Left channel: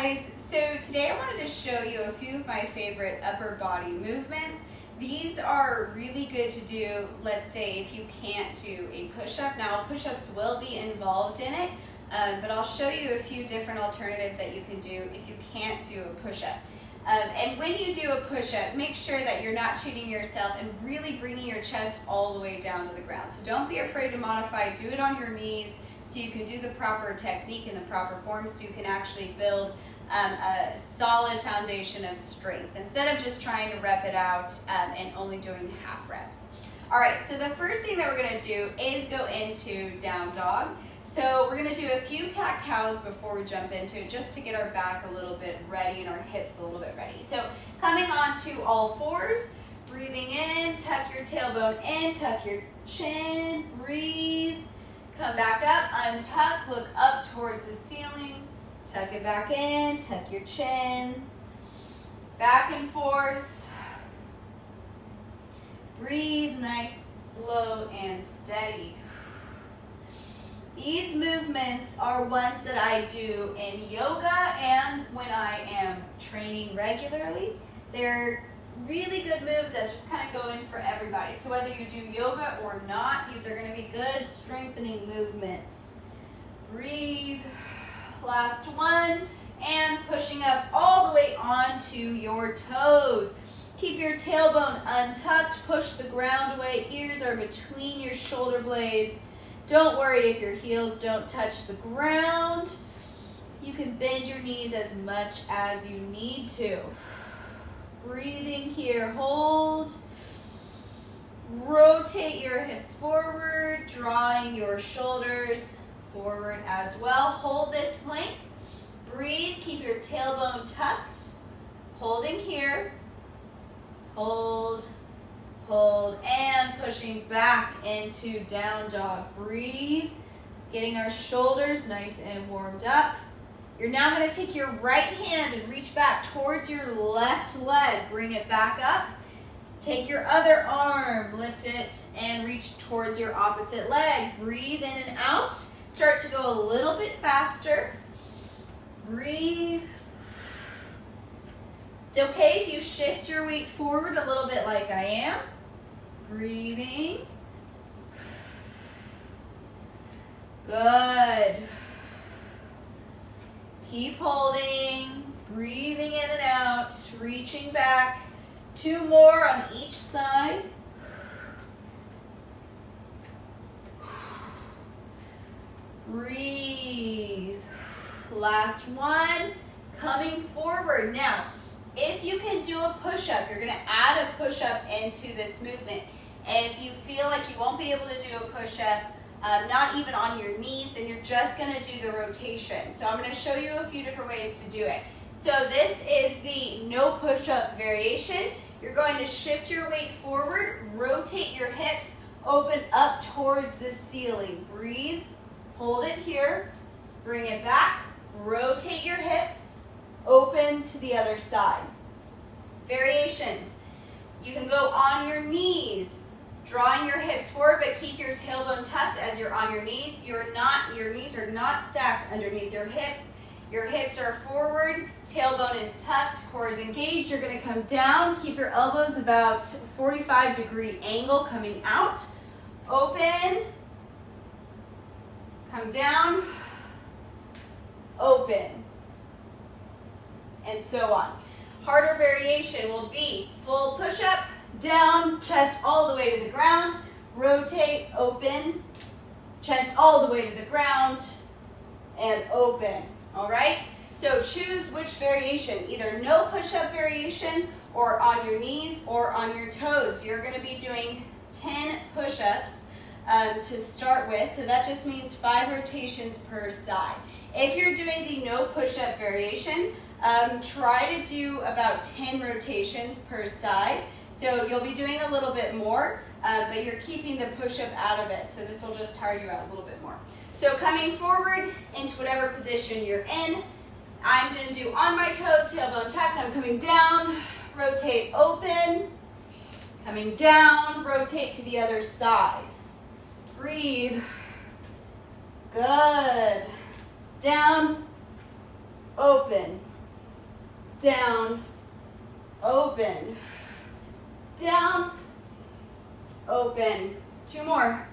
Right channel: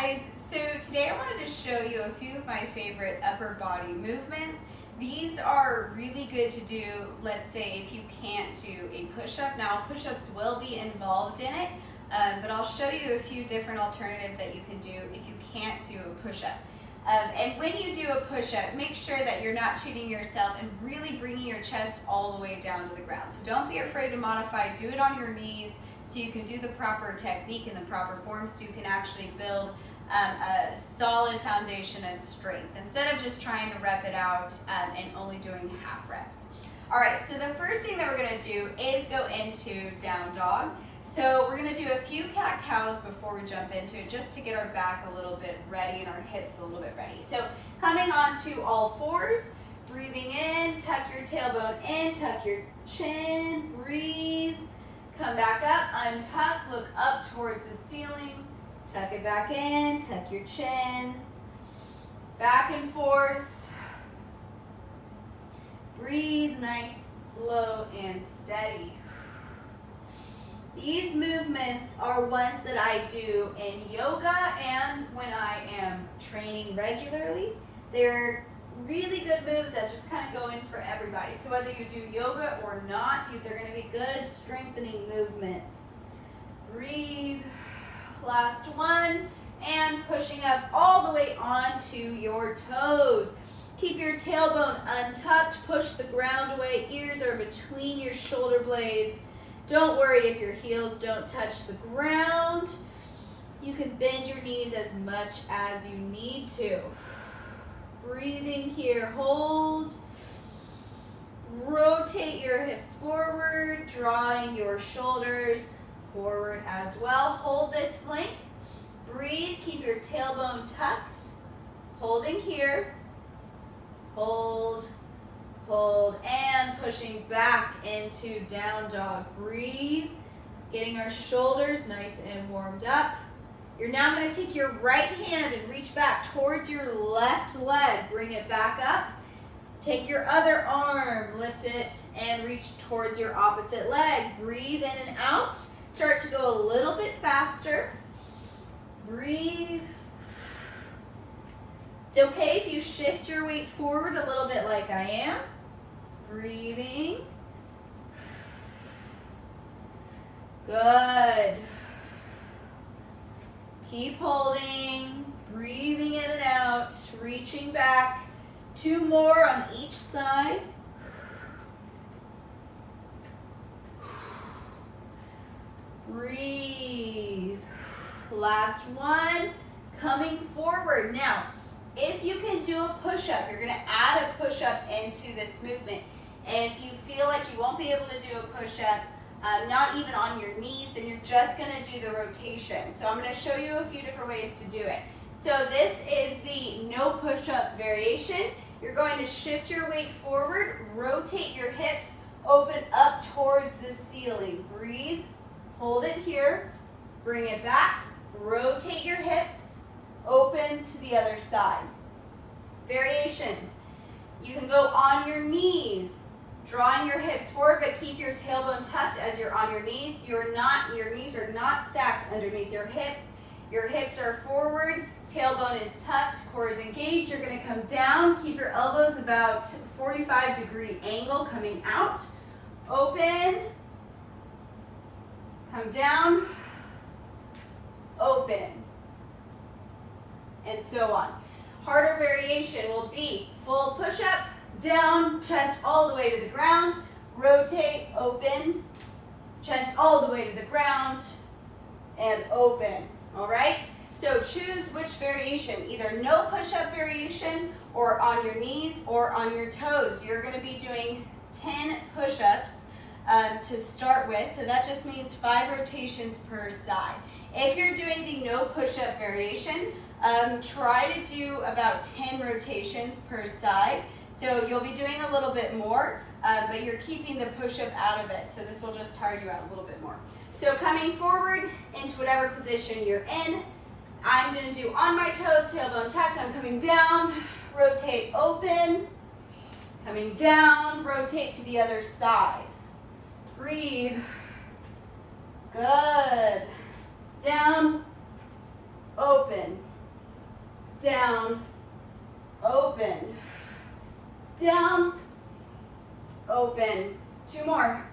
guys, so today I wanted to show you a few of my favorite upper body movements. These are really good to do, let's say, if you can't do a push-up. Now, push-ups will be involved in it, but I'll show you a few different alternatives that you can do if you can't do a push-up. And when you do a push-up, make sure that you're not cheating yourself and really bringing your chest all the way down to the ground. So don't be afraid to modify, do it on your knees so you can do the proper technique in the proper form so you can actually build a solid foundation of strength instead of just trying to rep it out and only doing half reps. All right, so the first thing that we're gonna do is go into down dog. So we're gonna do a few cat-cows before we jump into it, just to get our back a little bit ready and our hips a little bit ready. So coming onto all fours, breathing in, tuck your tailbone in, tuck your chin, breathe, come back up, untuck, look up towards the ceiling, tuck it back in, tuck your chin, back and forth, breathe nice, slow, and steady. These movements are ones that I do in yoga and when I am training regularly. They're really good moves that just kind of go in for everybody. So whether you do yoga or not, these are going to be good strengthening movements. Breathe. Last one. And pushing up all the way onto your toes. Keep your tailbone untucked. Push the ground away. Ears are between your shoulder blades. Don't worry if your heels don't touch the ground. You can bend your knees as much as you need to. Breathing here, hold. Rotate your hips forward, drawing your shoulders forward as well. Hold this plank. Breathe, keep your tailbone tucked. Holding here. Hold. Hold, and pushing back into down dog. Breathe, getting our shoulders nice and warmed up. You're now going to take your right hand and reach back towards your left leg. Bring it back up. Take your other arm, lift it, and reach towards your opposite leg. Breathe in and out. Start to go a little bit faster. Breathe. It's okay if you shift your weight forward a little bit like I am. Breathing. Good. Keep holding, breathing in and out, reaching back. 2 more on each side. Breathe. Last one, coming forward. Now, if you can do a push-up, you're gonna add a push-up into this movement. If you feel like you won't be able to do a push-up, not even on your knees, then you're just gonna do the rotation. So I'm gonna show you a few different ways to do it. So this is the no push-up variation. You're going to shift your weight forward, rotate your hips, open up towards the ceiling. Breathe, hold it here, bring it back, rotate your hips, open to the other side. Variations. You can go on your knees, drawing your hips forward, but keep your tailbone tucked as you're on your knees. Your knees are not stacked underneath your hips. Your hips are forward, tailbone is tucked, core is engaged. You're gonna come down, keep your elbows about 45-degree angle coming out. Open, come down, open, and so on. Harder variation will be full push-up, down, chest all the way to the ground, rotate, open, chest all the way to the ground, and open, all right? So choose which variation, either no push-up variation or on your knees or on your toes. You're gonna be doing 10 push-ups to start with, so that just means 5 rotations per side. If you're doing the no push-up variation, try to do about 10 rotations per side. So you'll be doing a little bit more, but you're keeping the push-up out of it. So this will just tire you out a little bit more. So coming forward into whatever position you're in, I'm gonna do on my toes, tailbone tucked. I'm coming down, rotate, open, coming down, rotate to the other side. Breathe. Good. Down, open. down, open, down, open. 2 more.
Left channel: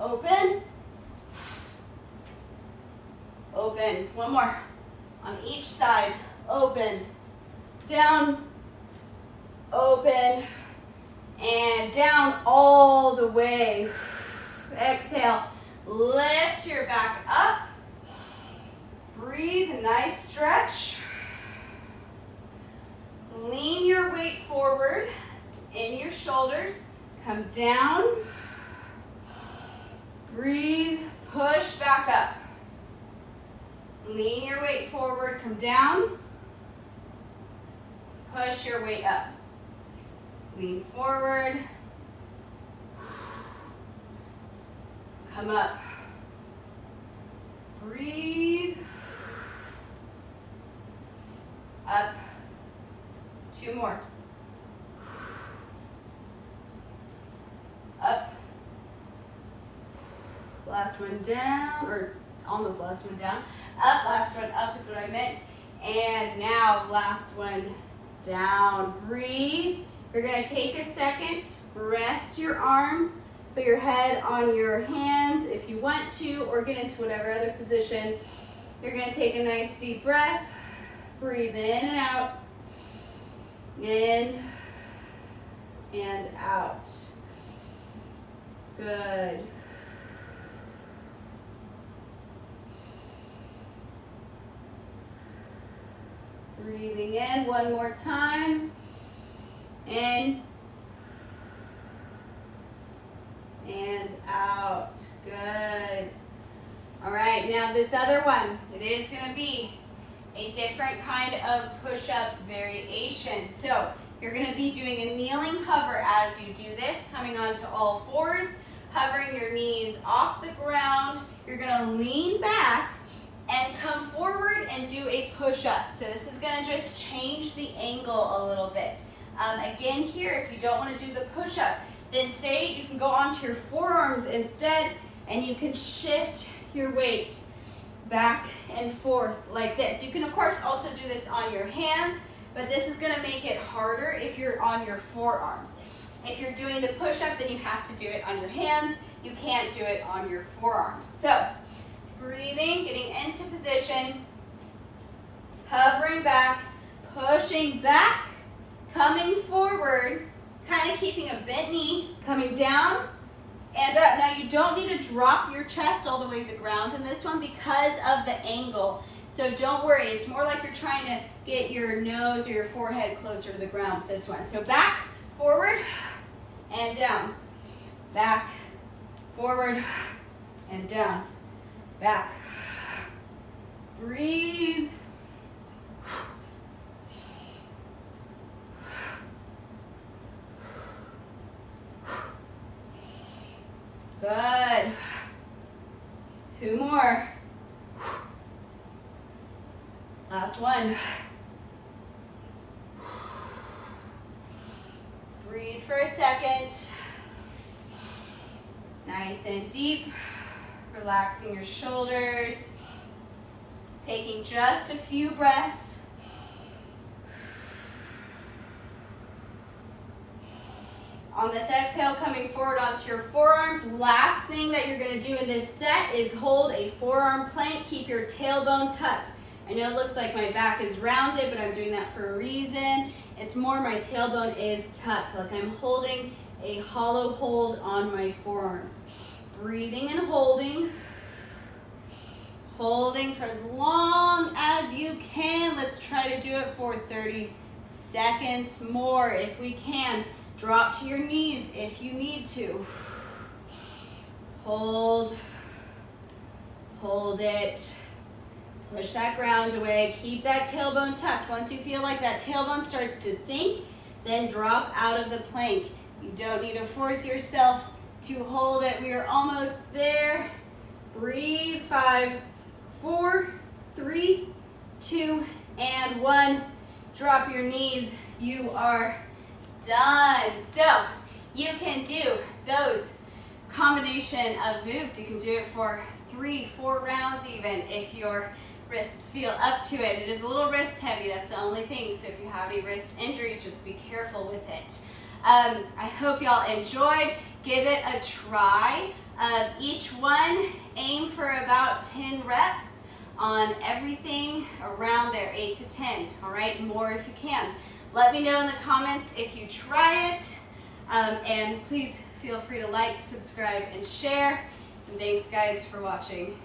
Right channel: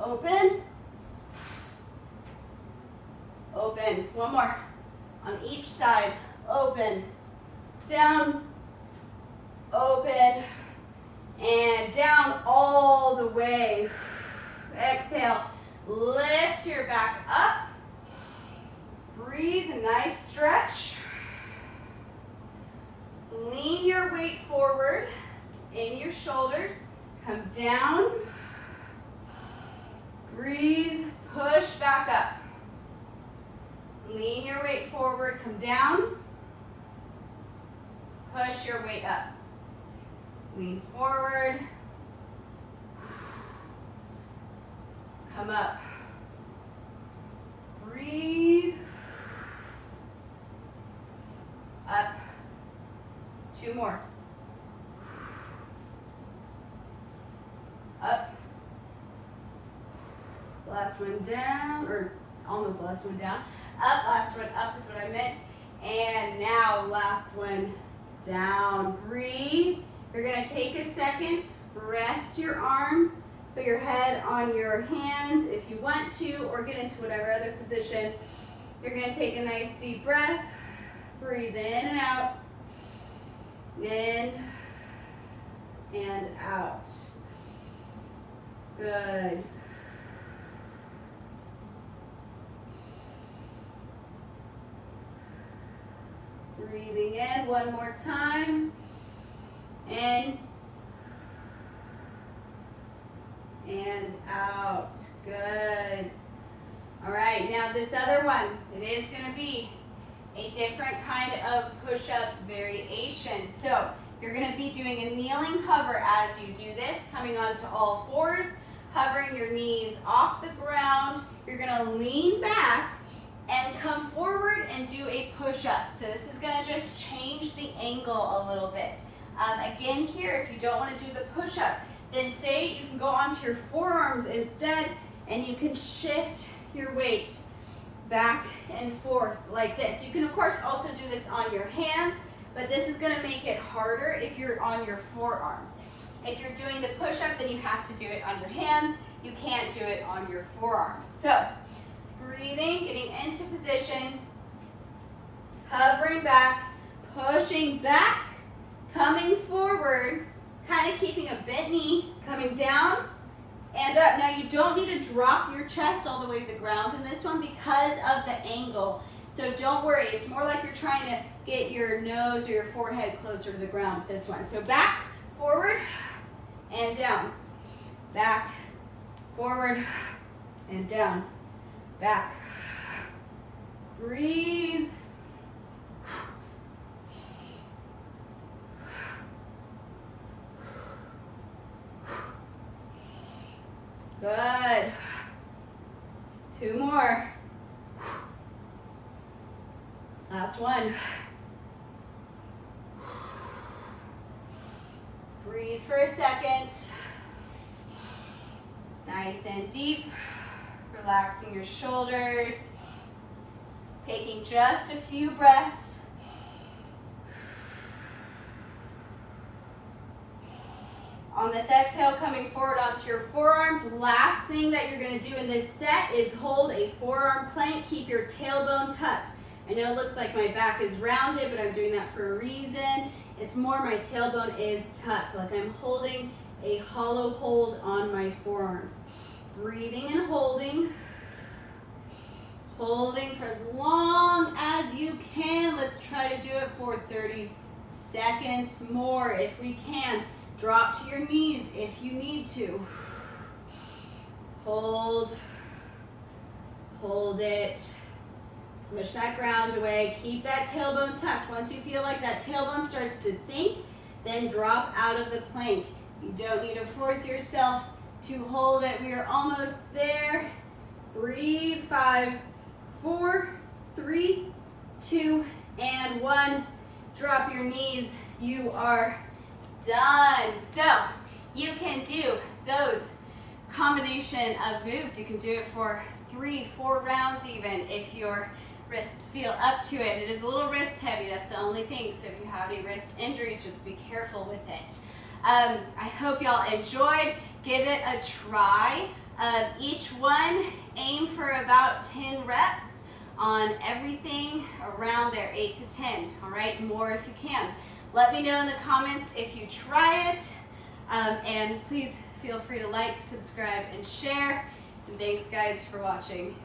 Open, open. 1 more. On each side, open, down, open, and down all the way. Exhale, lift your back up. Breathe, a nice stretch. Lean your weight forward in your shoulders. Come down. Breathe, push back up. Lean your weight forward, come down. Push your weight up. Lean forward. Come up. Breathe. Up. 2 more. Up. Last one down, or almost last one down. Up, last one up is what I meant. And now last one down. Breathe. You're gonna take a second, rest your arms, put your head on your hands if you want to, or get into whatever other position. You're gonna take a nice deep breath. Breathe in and out. In and out. Good. Breathing in 1 more time. In and out. Good. All right, now this other one, it is going to be a different kind of push-up variation. So you're going to be doing a kneeling hover as you do this, coming onto all fours, hovering your knees off the ground. You're going to lean back and come forward and do a push-up. So this is going to just change the angle a little bit. Again here, if you don't want to do the push-up, then you can go onto your forearms instead, and you can shift your weight back and forth like this. You can of course also do this on your hands, but this is going to make it harder if you're on your forearms. If you're doing the push-up, then you have to do it on your hands. You can't do it on your forearms. So breathing, getting into position, hovering back, pushing back, coming forward, kind of keeping a bent knee, coming down and up. Now you don't need to drop your chest all the way to the ground in this one because of the angle. So don't worry, it's more like you're trying to get your nose or your forehead closer to the ground with this one. So back, forward, and down. Back, forward, and down. Back. Breathe. Good. 2 more. Last one. Breathe for a second. Nice and deep. Relaxing your shoulders. Taking just a few breaths. On this exhale, coming forward onto your forearms. Last thing that you're going to do in this set is hold a forearm plank. Keep your tailbone tucked. I know it looks like my back is rounded, but I'm doing that for a reason. It's more my tailbone is tucked, like I'm holding a hollow hold on my forearms. Breathing and holding. Holding for as long as you can. Let's try to do it for 30 seconds more if we can. Drop to your knees if you need to. Hold. Hold it. Push that ground away. Keep that tailbone tucked. Once you feel like that tailbone starts to sink, then drop out of the plank. You don't need to force yourself to hold it. We are almost there. Breathe. 5, 4, 3, 2, and 1. Drop your knees. You are done. So you can do those combination of moves. You can do it for 3, 4 rounds even if you're wrists feel up to it. It is a little wrist heavy, that's the only thing. So if you have any wrist injuries, just be careful with it. I hope y'all enjoyed. Give it a try. Each one, aim for about 10 reps on everything around there, 8 to 10, all right? More if you can. Let me know in the comments if you try it, and please feel free to like, subscribe, and share. And thanks guys for watching.